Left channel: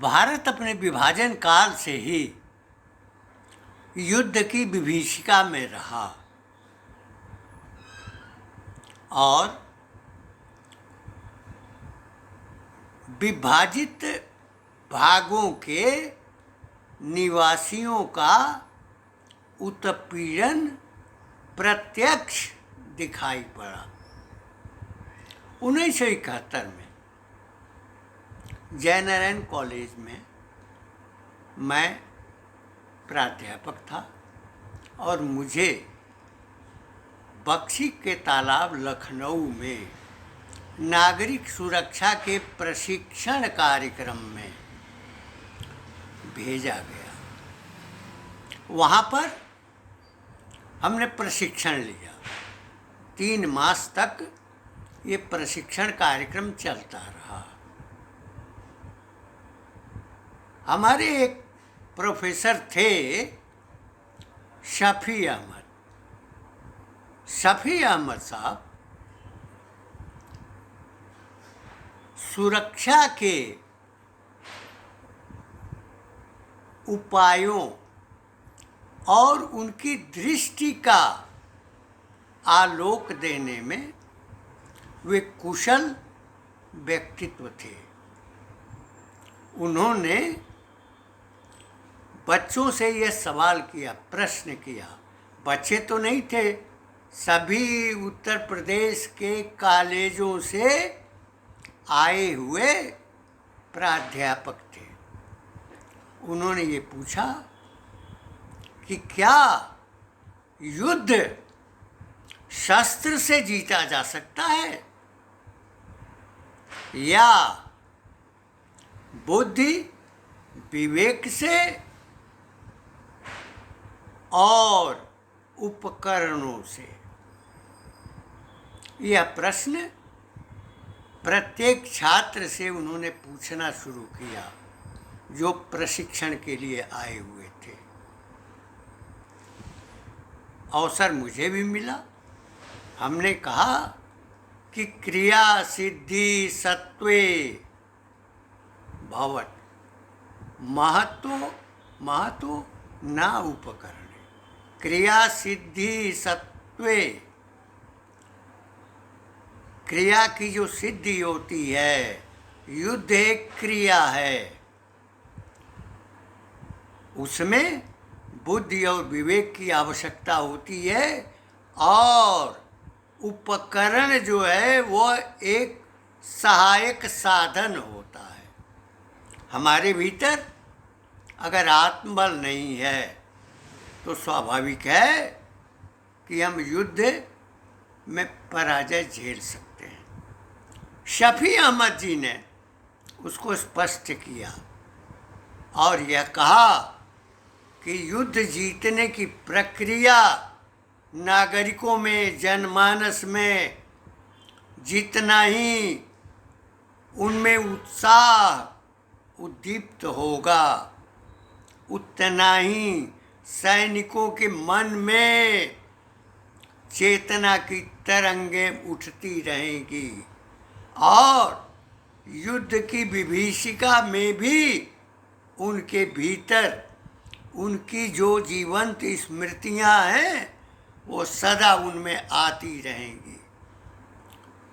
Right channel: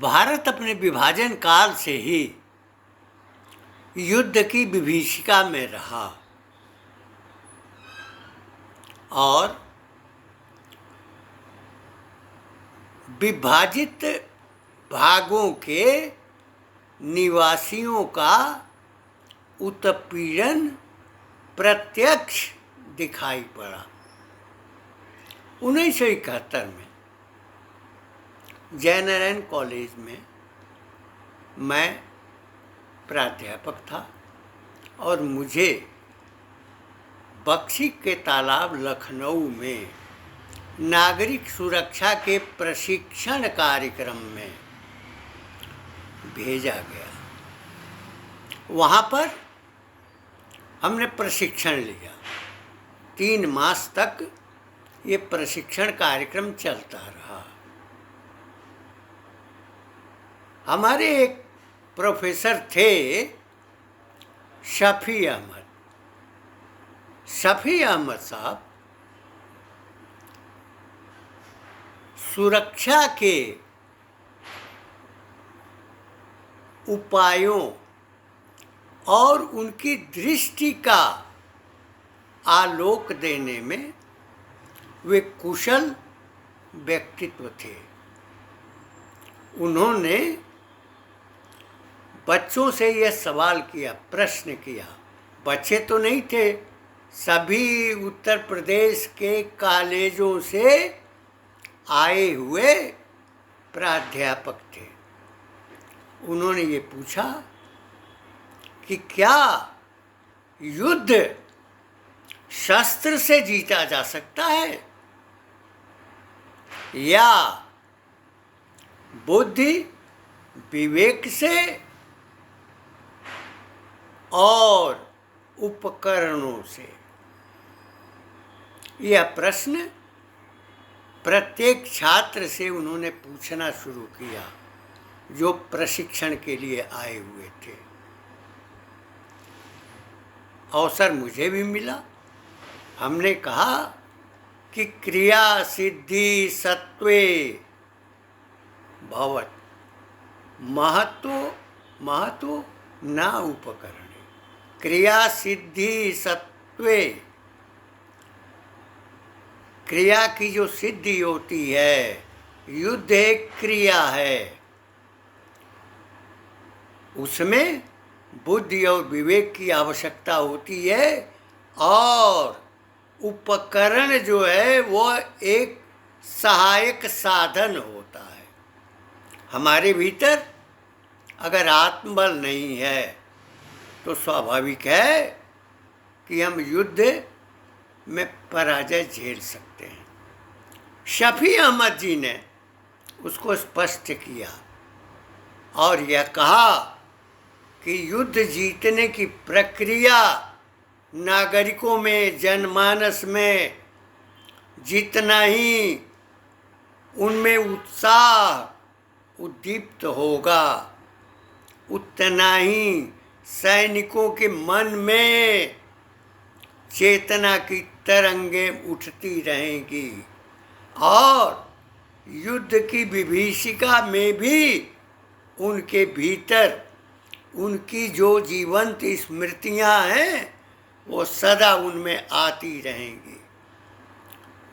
भारत अपने विभाजन काल से ही युद्ध की विभीषिका में रहा और विभाजित भागों के निवासियों का उत्पीड़न प्रत्यक्ष दिखाई पड़ा। 1971 में जयनारायण कॉलेज में मैं प्राध्यापक था और मुझे बक्शी के तालाब लखनऊ में नागरिक सुरक्षा के प्रशिक्षण कार्यक्रम में भेजा गया। वहाँ पर हमने प्रशिक्षण लिया। 3 मास तक ये प्रशिक्षण कार्यक्रम चलता रहा। हमारे एक प्रोफेसर थे शफी अहमद। शफी अहमद साहब सुरक्षा के उपायों और उनकी दृष्टि का आलोक देने में वे कुशल व्यक्तित्व थे। उन्होंने बच्चों से यह सवाल किया, प्रश्न किया। बच्चे तो नहीं थे, सभी उत्तर प्रदेश के कॉलेजों से आए हुए प्राध्यापक थे। उन्होंने ये पूछा कि क्या युद्ध शस्त्र से जीता जा सकता है या बुद्धि विवेक से और उपकरणों से। यह प्रश्न प्रत्येक छात्र से उन्होंने पूछना शुरू किया जो प्रशिक्षण के लिए आए हुए थे। अवसर मुझे भी मिला। हमने कहा कि क्रिया सिद्धि सत्वे भवत् महतो न उपकरणे। क्रिया सिद्धि सत्वे, क्रिया की जो सिद्धि होती है, युद्ध एक क्रिया है, उसमें बुद्धि और विवेक की आवश्यकता होती है और उपकरण जो है वो एक सहायक साधन होता है। हमारे भीतर अगर आत्मबल नहीं है तो स्वाभाविक है कि हम युद्ध में पराजय झेल सकते हैं। शफी अहमद जी ने उसको स्पष्ट किया और यह कहा कि युद्ध जीतने की प्रक्रिया नागरिकों में, जनमानस में जितना ही उनमें उत्साह उद्दीप्त होगा, उतना ही सैनिकों के मन में चेतना की तरंगें उठती रहेंगी और युद्ध की विभीषिका में भी उनके भीतर उनकी जो जीवंत स्मृतियां हैं वो सदा उनमें आती रहेंगी।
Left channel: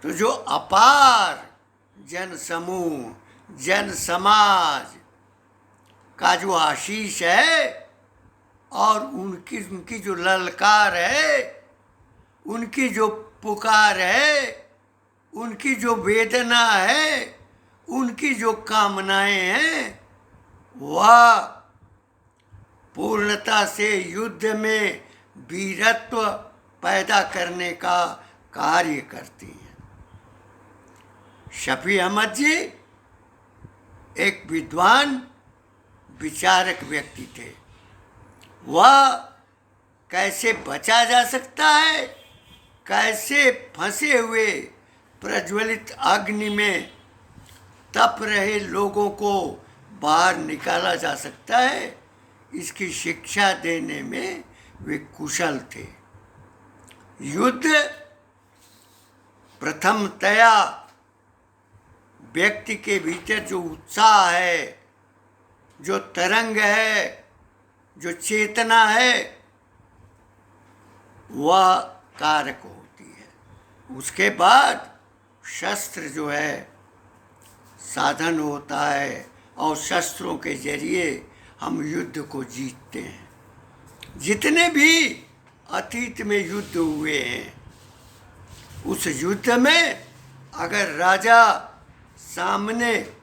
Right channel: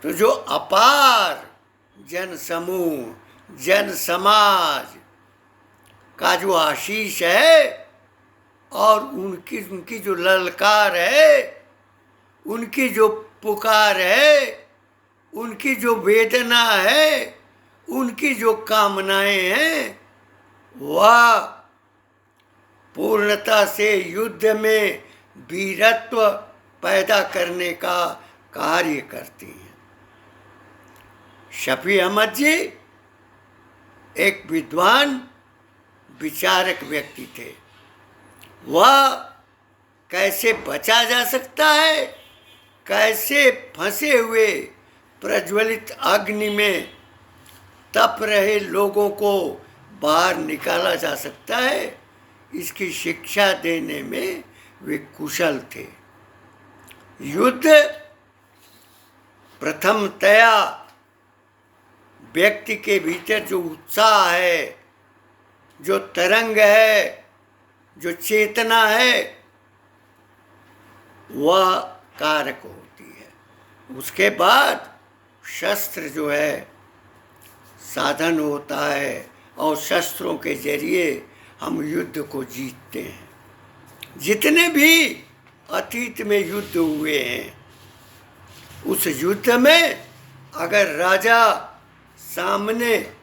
तो जो अपार जन समूह, जन समाज का जो आशीष है और उनकी जो ललकार है, उनकी जो पुकार है, उनकी जो वेदना है, उनकी जो कामनाएं हैं, वह पूर्णता से युद्ध में वीरत्व पैदा करने का कार्य करती हैं। शफी अहमद जी एक विद्वान विचारक व्यक्ति थे। वह कैसे बचा जा सकता है, कैसे फंसे हुए प्रज्वलित अग्नि में तप रहे लोगों को बाहर निकाला जा सकता है, इसकी शिक्षा देने में वे कुशल थे। युद्ध प्रथमतया व्यक्ति के भीतर जो उत्साह है, जो तरंग है, जो चेतना है, वह कारक होती है। उसके बाद शस्त्र जो है साधन होता है, और शस्त्रों के जरिए हम युद्ध को जीतते हैं। जितने भी अतीत में युद्ध हुए हैं, उस युद्ध में अगर राजा सामने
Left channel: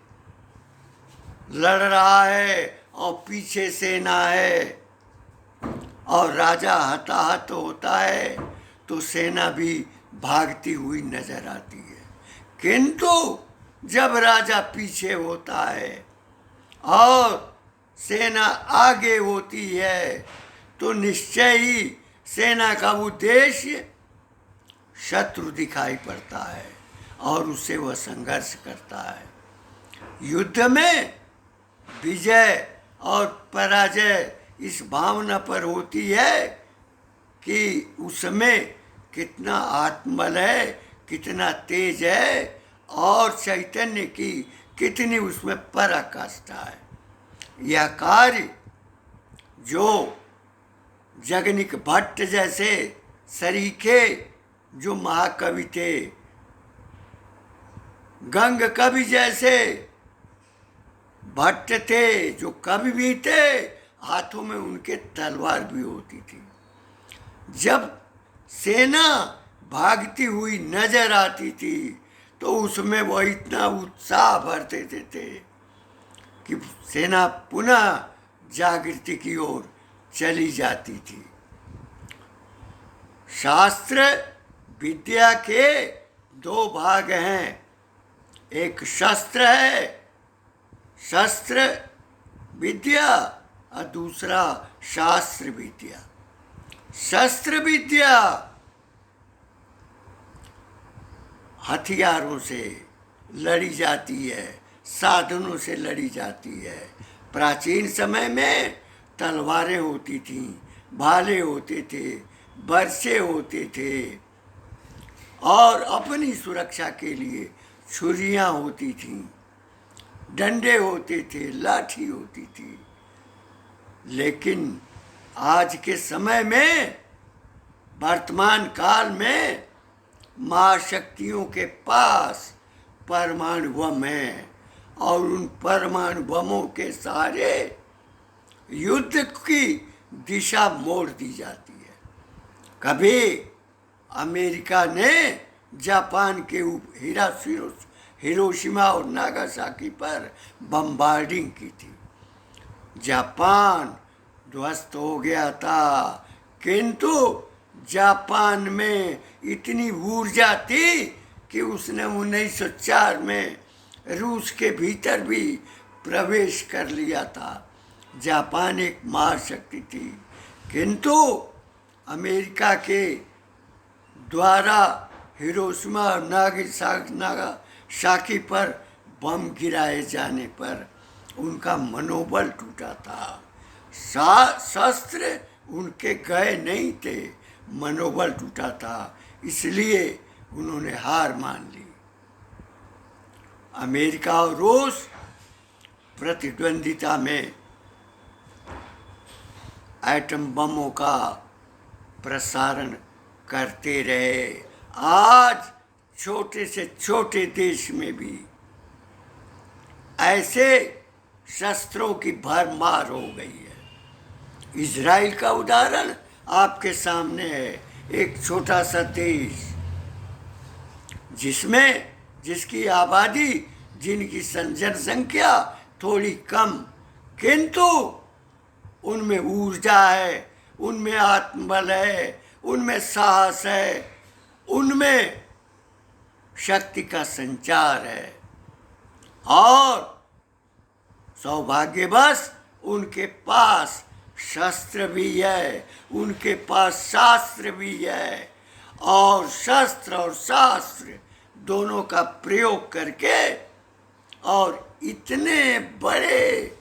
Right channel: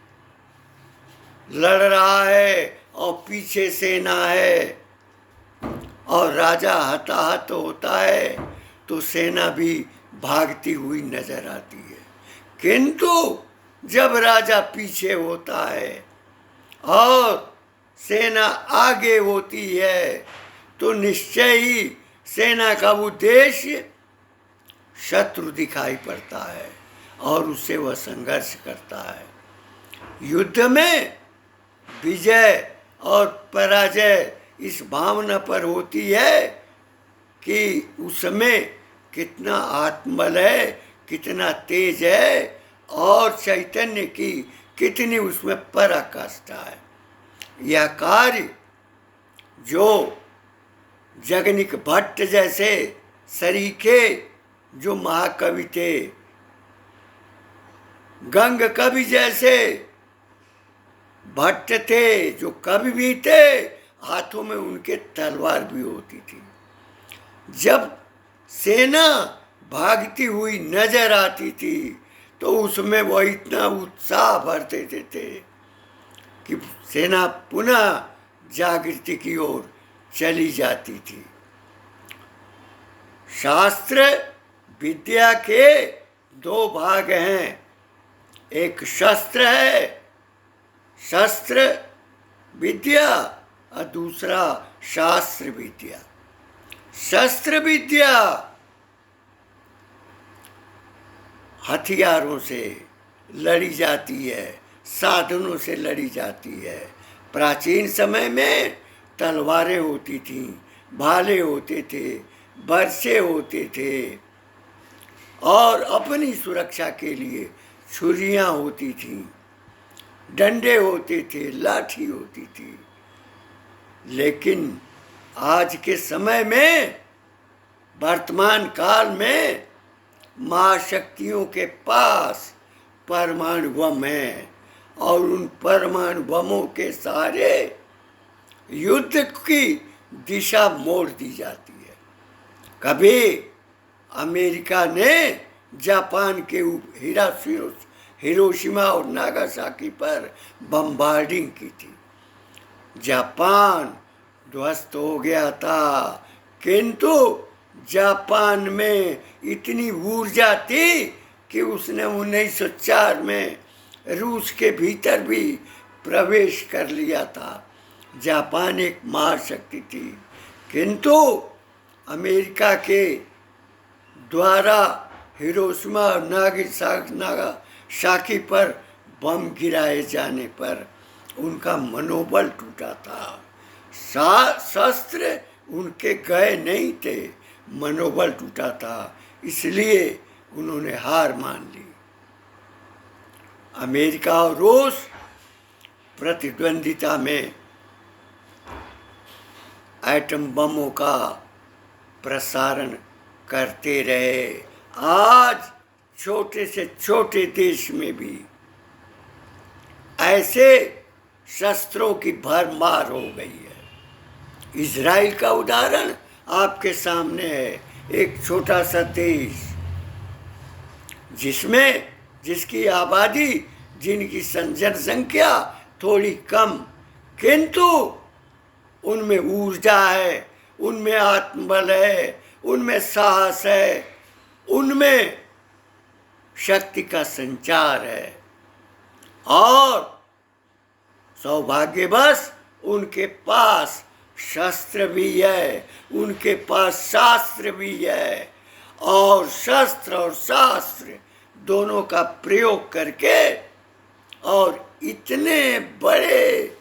लड़ रहा है और पीछे सेना है और राजा हताहत होता है, तो सेना भी भागती हुई नजर आती है। किंतु जब राजा पीछे होता है और सेना आगे होती है, तो निश्चय ही सेना का उद्देश्य शत्रु दिखाई पड़ता है और उससे वह संघर्ष करता है। युद्ध में विजय और पराजय इस भावना पर होती है कि उसमें कितना आत्मबल है, कितना तेज है, और चैतन्य की कितनी उसमें पराकाष्ठा है। यह कार्य जो जगनिक भट्ट जैसे सरीखे जो महाकवि थे, गंग कवि जैसे भट्ट थे जो कवि भी थे, हाथों में उनके तलवार भी होती थी। जब सेना भागती हुई नजर आती थी, तो उसमें वह इतना उत्साह भर देते थे कि सेना पुनः जागृति की ओर चली जाती थी। शास्त्र विद्या के दो भाग हैं, एक शस्त्र है, शस्त्र विद्या, और दूसरा शास्त्र विद्या। शस्त्र विद्या हथियारों से लड़ी जाती है, साधनों से लड़ी जाती है। प्राचीन समय में तलवारें होती थीं, भाले होते थे, बरसे होते थे, और अपनी सुरक्षा के लिए छुरियां होती थीं, डंडे होते थे, लाठी होती थी। लेकिन आज के समय में, वर्तमान काल में, महाशक्तियों के पास परमाणु बम है, और उन परमाणु बमों के सहारे युद्ध की दिशा मोड़ दी जाती है। कभी अमेरिका ने जापान के हिरोशिमा और नागासाकी पर बम्बार्डिंग की थी। जापान ध्वस्त हो गया था, किंतु जापान में इतनी ऊर्जा थी कि उसने 1904 में रूस के भीतर भी प्रवेश कर लिया था। जापान एक महाशक्ति थी, किंतु अमेरिका के द्वारा हिरोशिमा और नागासाकी पर बम गिराए जाने पर उनका मनोबल टूटा था। शस्त्र उनके गए नहीं थे, मनोबल टूटा था, इसलिए उन्होंने हार मान ली। अमेरिका और रूस प्रतिद्वंदिता में एटम बमों का प्रसारण करते रहे। आज छोटे से छोटे देश में भी ऐसे शस्त्रों की भरमार हो गई है। इजराइल का उदाहरण आपके सामने है, एक छोटा सा देश जिसकी आबादी, जिनकी जनसंख्या थोड़ी कम, किंतु उनमें ऊर्जा है, उनमें आत्मबल है, उनमें साहस है, उनमें शक्ति का संचार है, और सौभाग्यवश उनके पास शस्त्र भी है, उनके पास शास्त्र भी है, और शस्त्र और शास्त्र दोनों का प्रयोग करके और इतने बड़े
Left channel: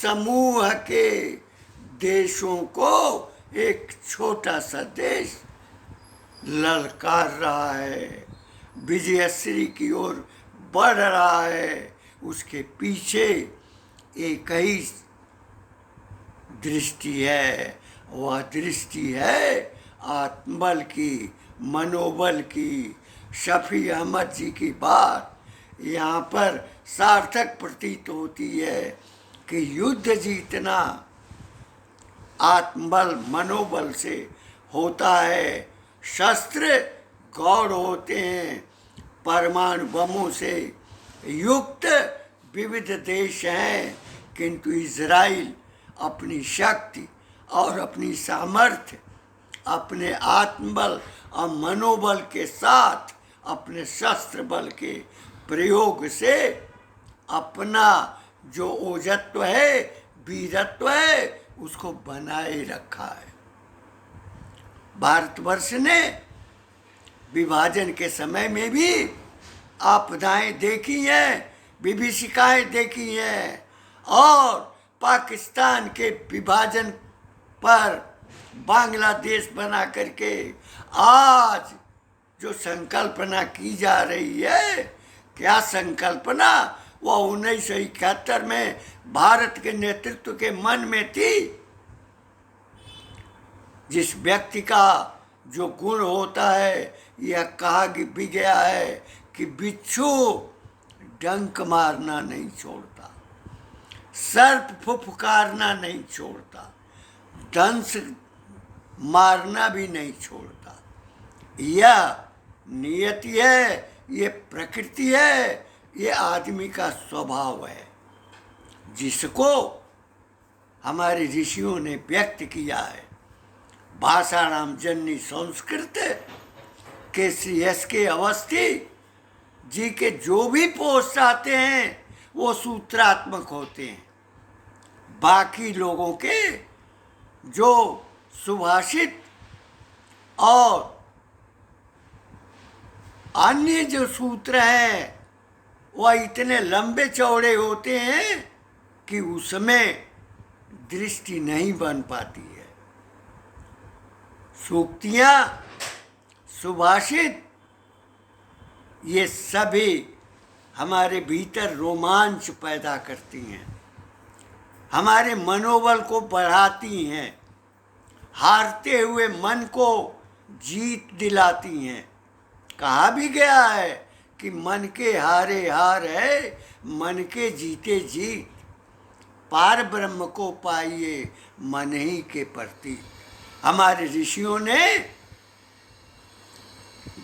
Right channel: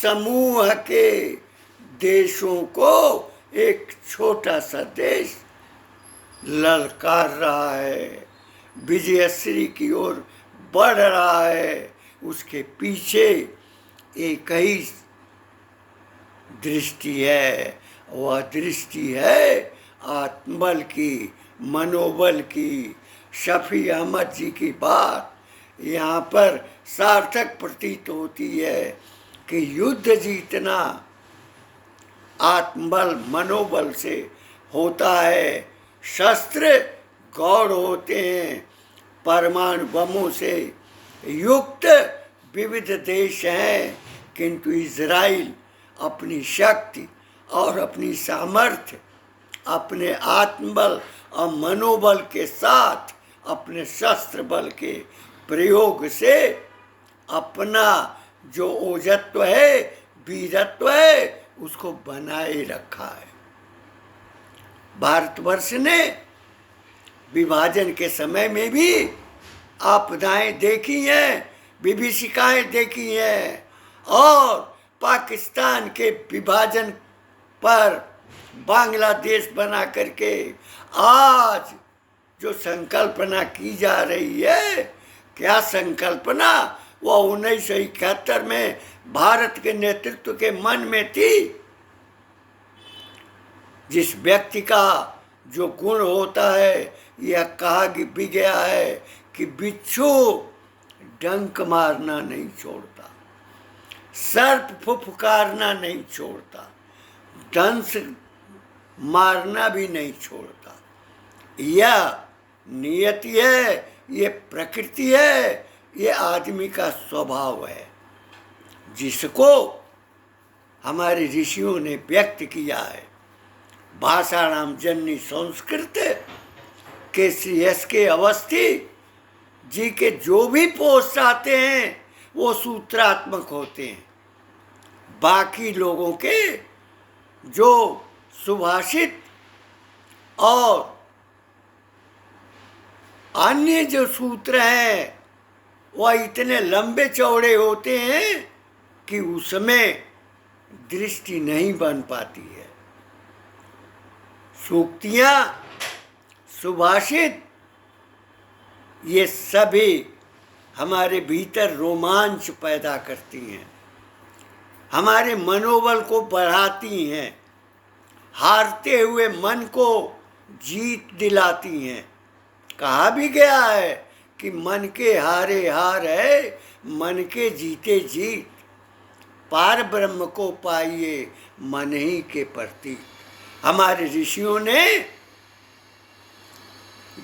समूह के देशों को एक छोटा सा देश ललकार रहा है, विजयश्री की ओर बढ़ रहा है। उसके पीछे एक ही दृष्टि है, वह दृष्टि है आत्मबल की, मनोबल की। शफी अहमद जी की बात यहाँ पर सार्थक प्रतीत होती है कि युद्ध जीतना आत्मबल मनोबल से होता है। शस्त्र गौड़ होते हैं। परमाणु बमों से युक्त विविध देश हैं, किंतु इज़राइल अपनी शक्ति और अपनी सामर्थ्य, अपने आत्मबल और मनोबल के साथ अपने शस्त्र बल के प्रयोग से अपना जो ओजत्व है, वीरत्व है, उसको बनाए रखा है। भारतवर्ष ने विभाजन के समय में भी आपदाएं देखी हैं, विभीषिकाएं देखी हैं, और पाकिस्तान के विभाजन पर बांग्लादेश बना करके आज जो संकल्पना की जा रही है, क्या संकल्पना वह 1971 में भारत के नेतृत्व के मन में थी। जिस व्यक्ति का जो गुण होता है, यह कहा भी गया है कि बिच्छू डंक मारना नहीं छोड़ता, सर्प फुफकारना नहीं छोड़ता, दंश मारना भी नहीं छोड़ता। यह नियति है, ये प्रकृति है, ये आदमी का स्वभाव है, जिसको हमारे ऋषियों ने व्यक्त किया है। भाषाणाम जननी संस्कृत के श्री एस के अवस्थी जी के जो भी पोस्ट आते हैं वो सूत्रात्मक होते हैं। बाकी लोगों के जो सुभाषित और अन्य जो सूत्र हैं वह इतने लंबे चौड़े होते हैं कि उसमें दृष्टि नहीं बन पाती है। सूक्तियाँ, सुभाषित, ये सभी हमारे भीतर रोमांच पैदा करती हैं, हमारे मनोबल को बढ़ाती हैं, हारते हुए मन को जीत दिलाती हैं। कहा भी गया है कि मन के हारे हार है, मन के जीते जीत। पार ब्रह्म को पाइए मन ही के प्रति। हमारे ऋषियों ने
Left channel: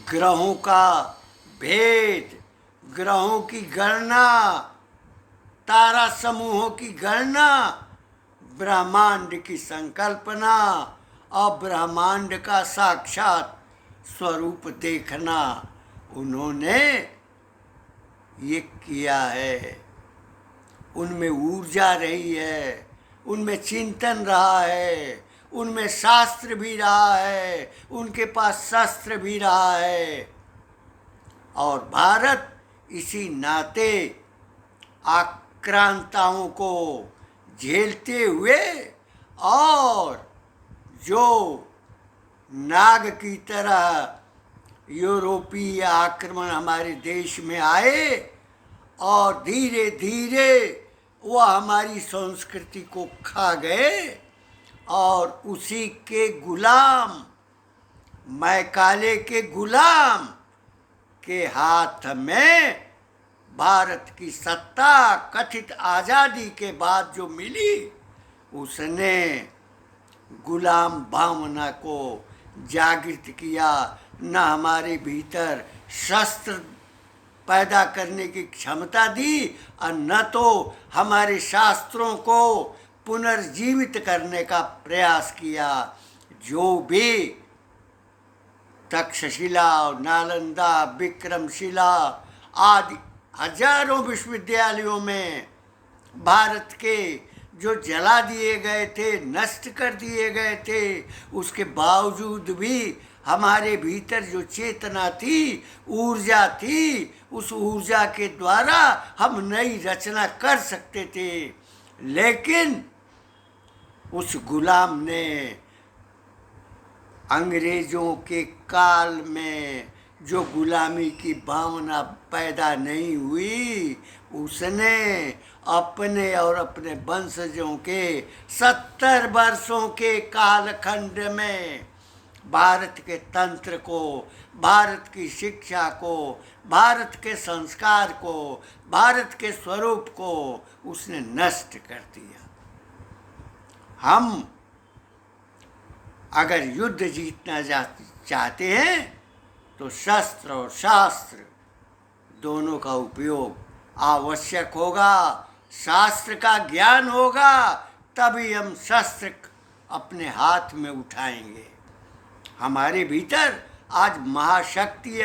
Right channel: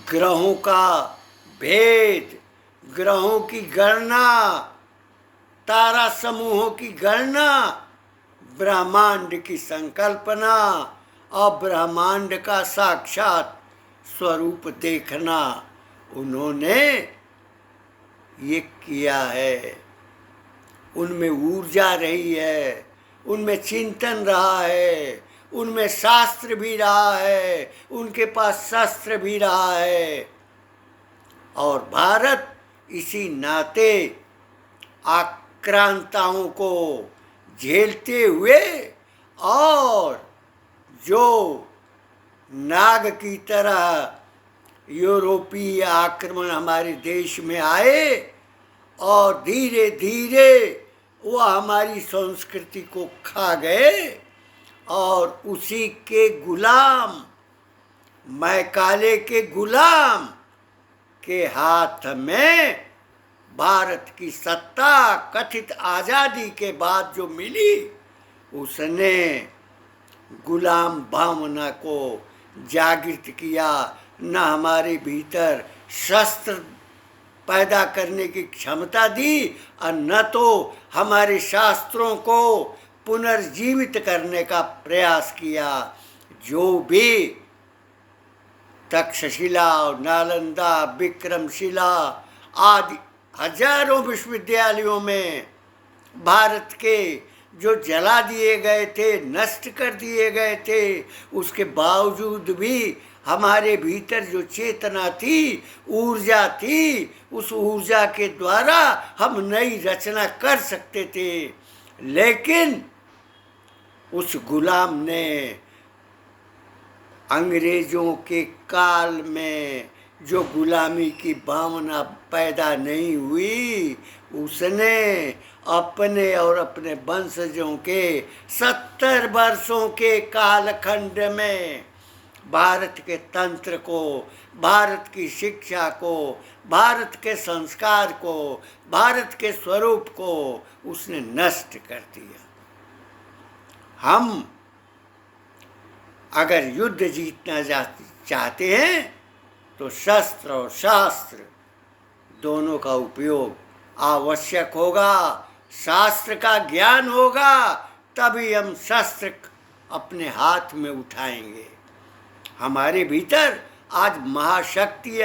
ग्रहों का भेद, ग्रहों की गणना, तारा समूहों की गणना, ब्रह्मांड की संकल्पना और ब्रह्मांड का साक्षात स्वरूप देखना, उन्होंने ये किया है। उनमें ऊर्जा रही है, उनमें चिंतन रहा है, उनमें शास्त्र भी रहा है, उनके पास शस्त्र भी रहा है। और भारत इसी नाते आक्रांताओं को झेलते हुए और जो नाग की तरह यूरोपीय आक्रमण हमारे देश में आए और धीरे धीरे वह हमारी संस्कृति को खा गए और उसी के गुलाम, मैकाले के गुलाम के हाथ में भारत की सत्ता कथित आज़ादी के बाद जो मिली, उसने गुलाम भावना को जागृत किया। न हमारे भीतर शस्त्र पैदा करने की क्षमता दी और न तो हमारे शास्त्रों को पुनर्जीवित करने का प्रयास किया। जो भी तक्षशिला, नालंदा, विक्रमशिला आदि हजारों विश्वविद्यालयों में भारत के जो जला दिए गए थे, नष्ट कर दिए गए थे, उसके बावजूद भी हमारे भीतर जो चेतना थी, ऊर्जा थी, उस ऊर्जा के द्वारा हम नई रचना कर सकते थे। लेकिन उस गुलाम ने अंग्रेजों के काल में जो गुलामी की भावना पैदा नहीं हुई, उसने अपने और अपने वंशजों के 70 वर्षों के कालखंड में भारत के तंत्र को, भारत की शिक्षा को, भारत के संस्कार को, भारत के स्वरूप को उसने नष्ट कर दिया। हम अगर युद्ध जीतना चाहते हैं तो शस्त्र और शास्त्र दोनों का उपयोग आवश्यक होगा। शास्त्र का ज्ञान होगा तभी हम शस्त्र अपने हाथ में उठाएंगे। हमारे भीतर आज महाशक्ति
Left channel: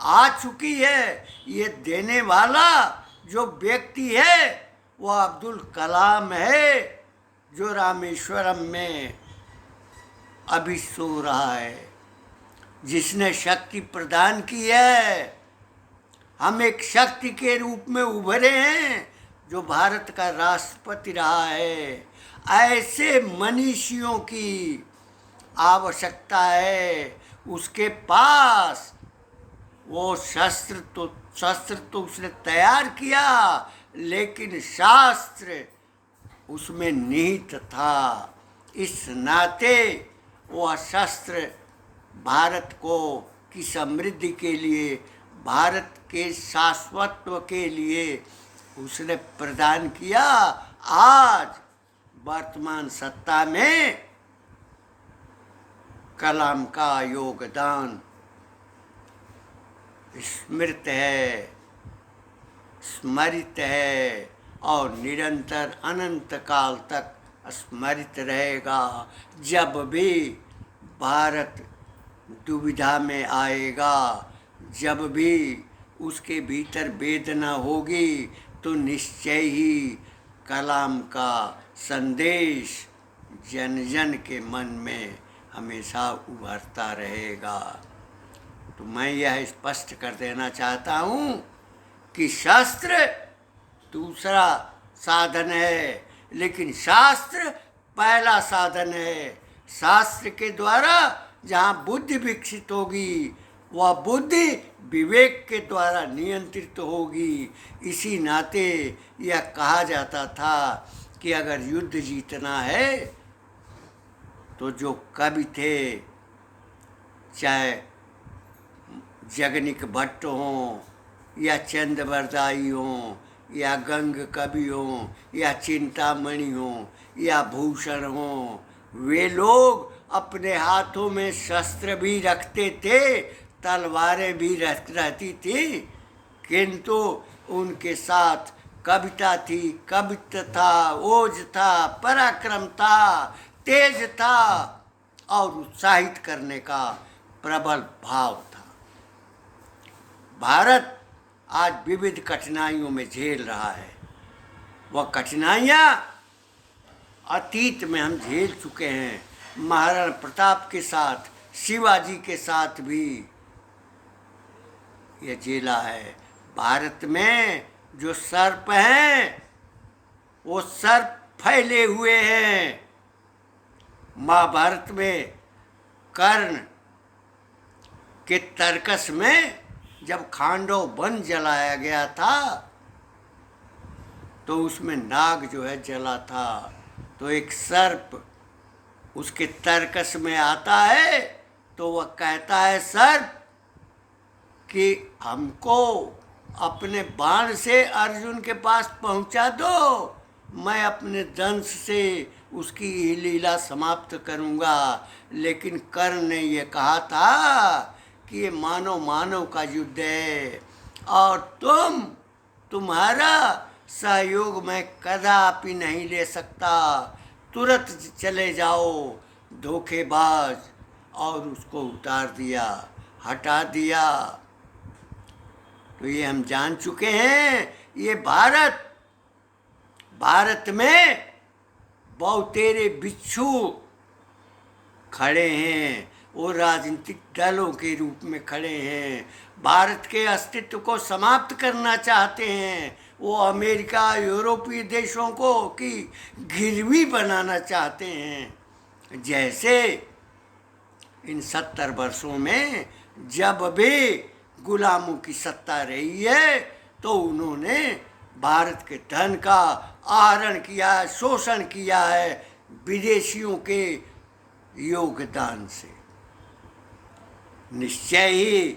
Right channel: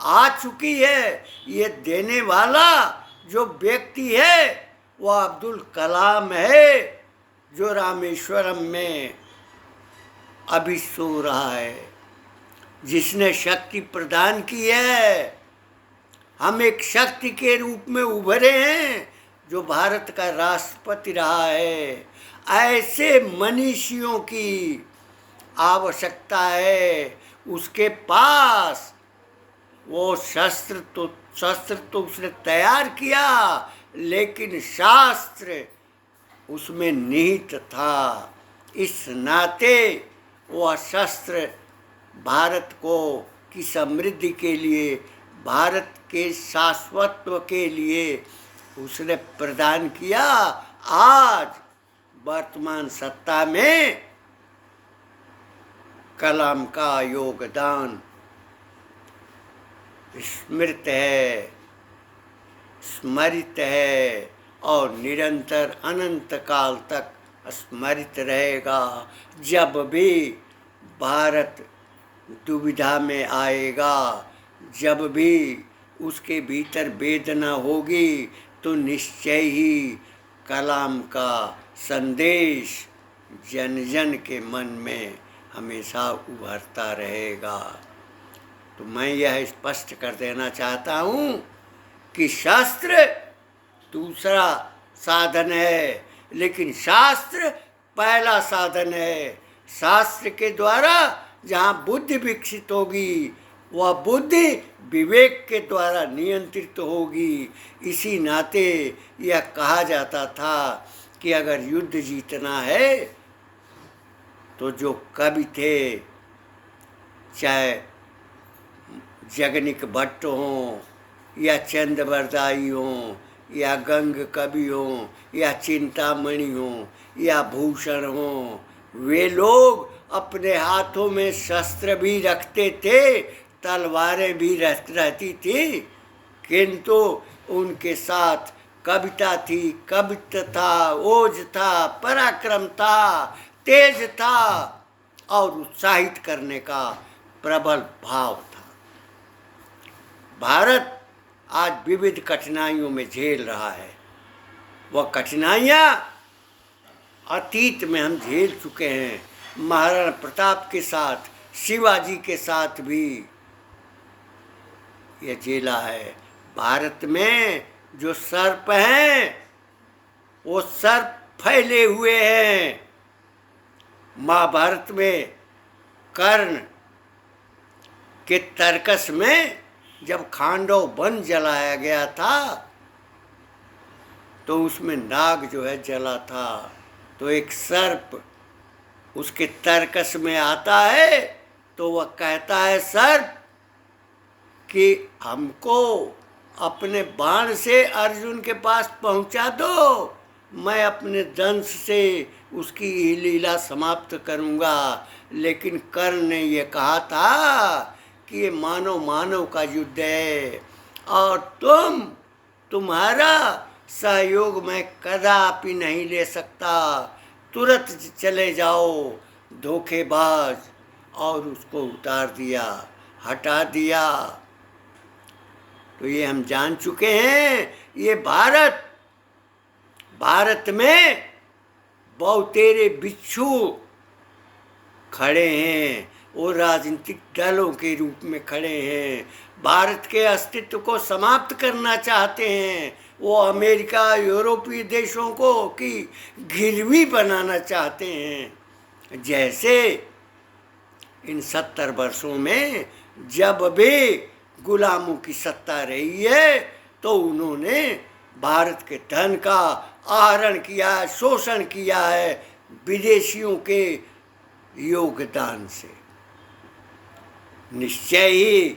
आ चुकी है। ये देने वाला जो व्यक्ति है वो अब्दुल कलाम है, जो रामेश्वरम में अभी सो रहा है, जिसने शक्ति प्रदान की है। हम एक शक्ति के रूप में उभरे हैं जो भारत का राष्ट्रपति रहा है। ऐसे मनीषियों की आवश्यकता है। उसके पास वो शस्त्र तो उसने तैयार किया, लेकिन शास्त्र उसमें निहित था। इस नाते वह शस्त्र भारत को की समृद्धि के लिए, भारत के शाश्वतत्व के लिए उसने प्रदान किया। आज वर्तमान सत्ता में कलाम का योगदान स्मरित है और निरंतर अनंत काल तक स्मरित रहेगा। जब भी भारत दुविधा में आएगा, जब भी उसके भीतर वेदना होगी, तो निश्चय ही कलाम का संदेश जन जन के मन में हमेशा उभरता रहेगा। तो मैं यह स्पष्ट कर देना चाहता हूँ कि शास्त्र दूसरा साधन है, लेकिन शास्त्र पहला साधन है। शास्त्र के द्वारा जहाँ बुद्धि विकसित होगी, वह बुद्धि विवेक के द्वारा नियंत्रित होगी। इसी नाते यह कहा जाता था कि अगर युद्ध जीतना है तो जो कवि थे, चाहे जगनिक भट्ट हों या चंद्रवरदाई हों या गंग कवि हों या चिंतामणि हों या भूषण हों, वे लोग अपने हाथों में शस्त्र भी रखते थे, तलवारें भी रहती थी, किंतु उनके साथ कविता थी, कवित्व था, ओज था, पराक्रम था, तेज था और उत्साहित करने का प्रबल भाव था। भारत आज विविध कठिनाइयों में झेल रहा है। वह कठिनाइयाँ अतीत में हम झेल चुके हैं। महाराणा प्रताप के साथ, शिवाजी के साथ भी यह झेला है। भारत में जो सर्प हैं वो सर्प फैले हुए हैं। महाभारत में कर्ण के तर्कस में जब खांडव वन जलाया गया था तो उसमें नाग जो है जला था, तो एक सर्प उसके तर्कस में आता है तो वह कहता है सर्प कि हमको अपने बाण से अर्जुन के पास पहुंचा दो, मैं अपने दंश से उसकी लीला समाप्त करूंगा। लेकिन कर्ण ने ये कहा था कि ये मानव मानव का युद्ध है और तुम्हारा सहयोग मैं कदापि नहीं ले सकता, तुरंत चले जाओ धोखेबाज, और उसको उतार दिया, हटा दिया। तो ये हम जान चुके हैं, ये भारत में बहुतेरे बिच्छू खड़े हैं, वो राजनीतिक दलों के रूप में खड़े हैं, भारत के अस्तित्व को समाप्त करना चाहते हैं। वो अमेरिका, यूरोपीय देशों को की गिरवी बनाना चाहते हैं। जैसे इन 70 वर्षों में जब भी गुलामों की सत्ता रही है तो उन्होंने भारत के धन का आहरण किया है, शोषण किया है विदेशियों के योगदान से। निश्चय ही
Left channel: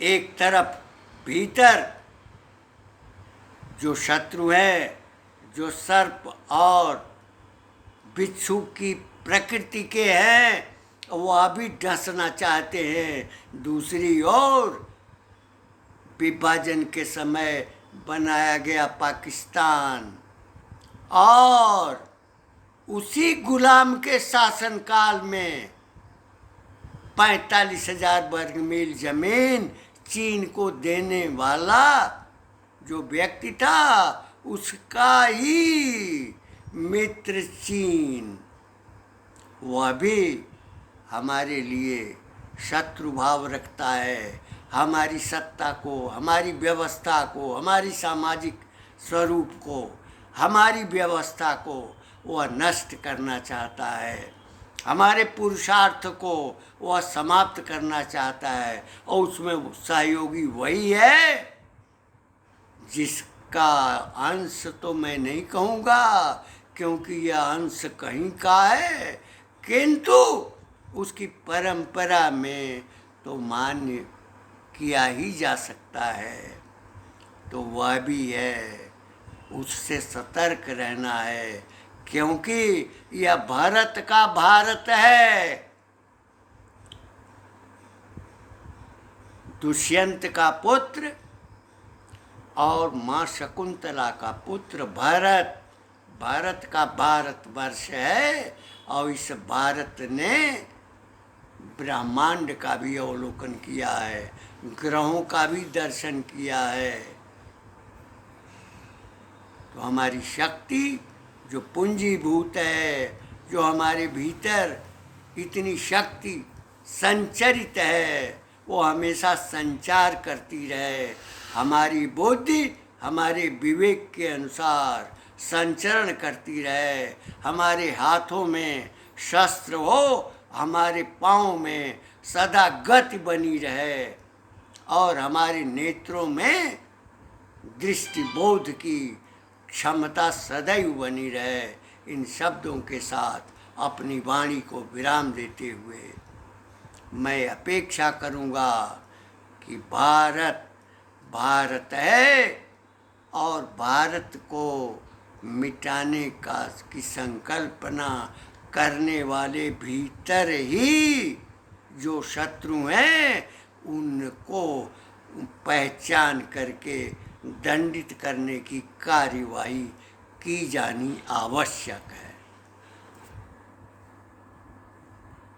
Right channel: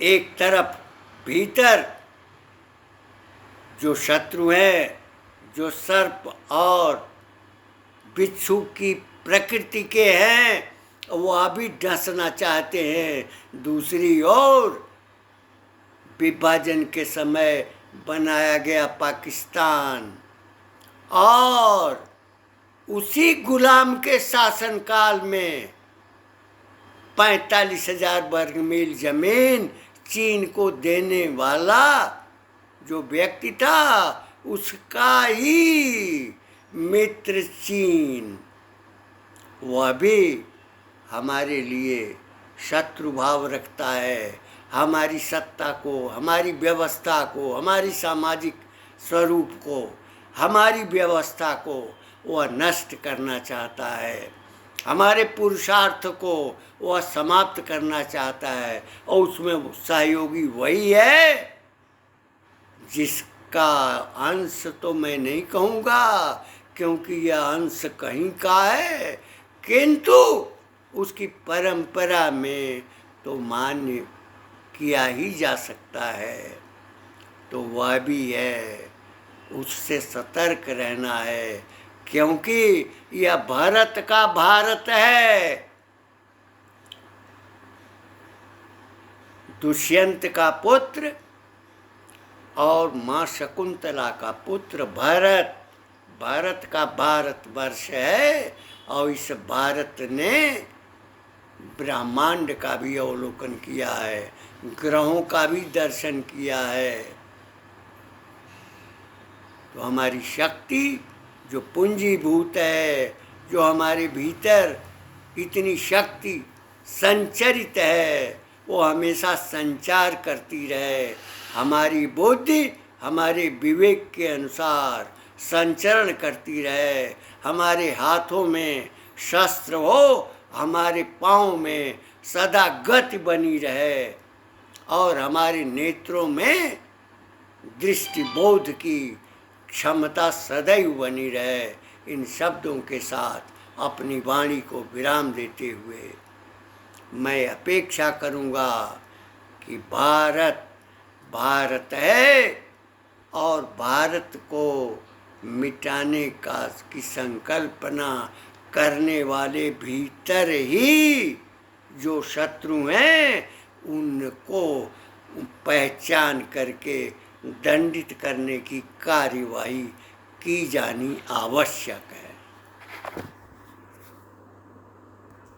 एक तरफ भीतर जो शत्रु हैं, जो सर्प और बिच्छू की प्रकृति के हैं, वो अभी डसना चाहते हैं। दूसरी ओर विभाजन के समय बनाया गया पाकिस्तान और उसी गुलाम के शासनकाल में 45,000 वर्ग मील जमीन चीन को देने वाला जो व्यक्ति था, उसका ही मित्र चीन, वह भी हमारे लिए शत्रु भाव रखता है। हमारी सत्ता को, हमारी व्यवस्था को, हमारी सामाजिक स्वरूप को, हमारी व्यवस्था को वह नष्ट करना चाहता है। हमारे पुरुषार्थ को वह समाप्त करना चाहता है और उसमें सहयोगी वही है जिसका अंश तो मैं नहीं कहूँगा क्योंकि यह अंश कहीं का है, किंतु उसकी परंपरा में तो मान्य किया ही जा सकता है। तो वह भी है, उससे सतर्क रहना है क्योंकि यह भारत का भारत है। दुष्यंत का पुत्र और माँ शकुंतला का पुत्र भरत, भारत का भारतवर्ष है और इस भारत ने ब्रह्मांड का भी अवलोकन किया है, ग्रहों का भी दर्शन किया है। तो हमारी शक्ति जो पूंजीभूत है, जो हमारे भीतर इतनी शक्ति संचरित है, वो हमेशा संचार करती रहे। हमारी बुद्धि हमारे विवेक के अनुसार संचरण करती रहे। हमारे हाथों में शस्त्र हो, हमारे पाँव में सदा गति बनी रहे और हमारे नेत्रों में दृष्टिबोध की क्षमता सदैव बनी रहे। इन शब्दों के साथ अपनी वाणी को विराम देते हुए मैं अपेक्षा करूँगा कि भारत भारत है और भारत को मिटाने की संकल्पना करने वाले भीतर ही जो शत्रु हैं उनको पहचान करके दंडित करने की कार्यवाही की जानी आवश्यक है।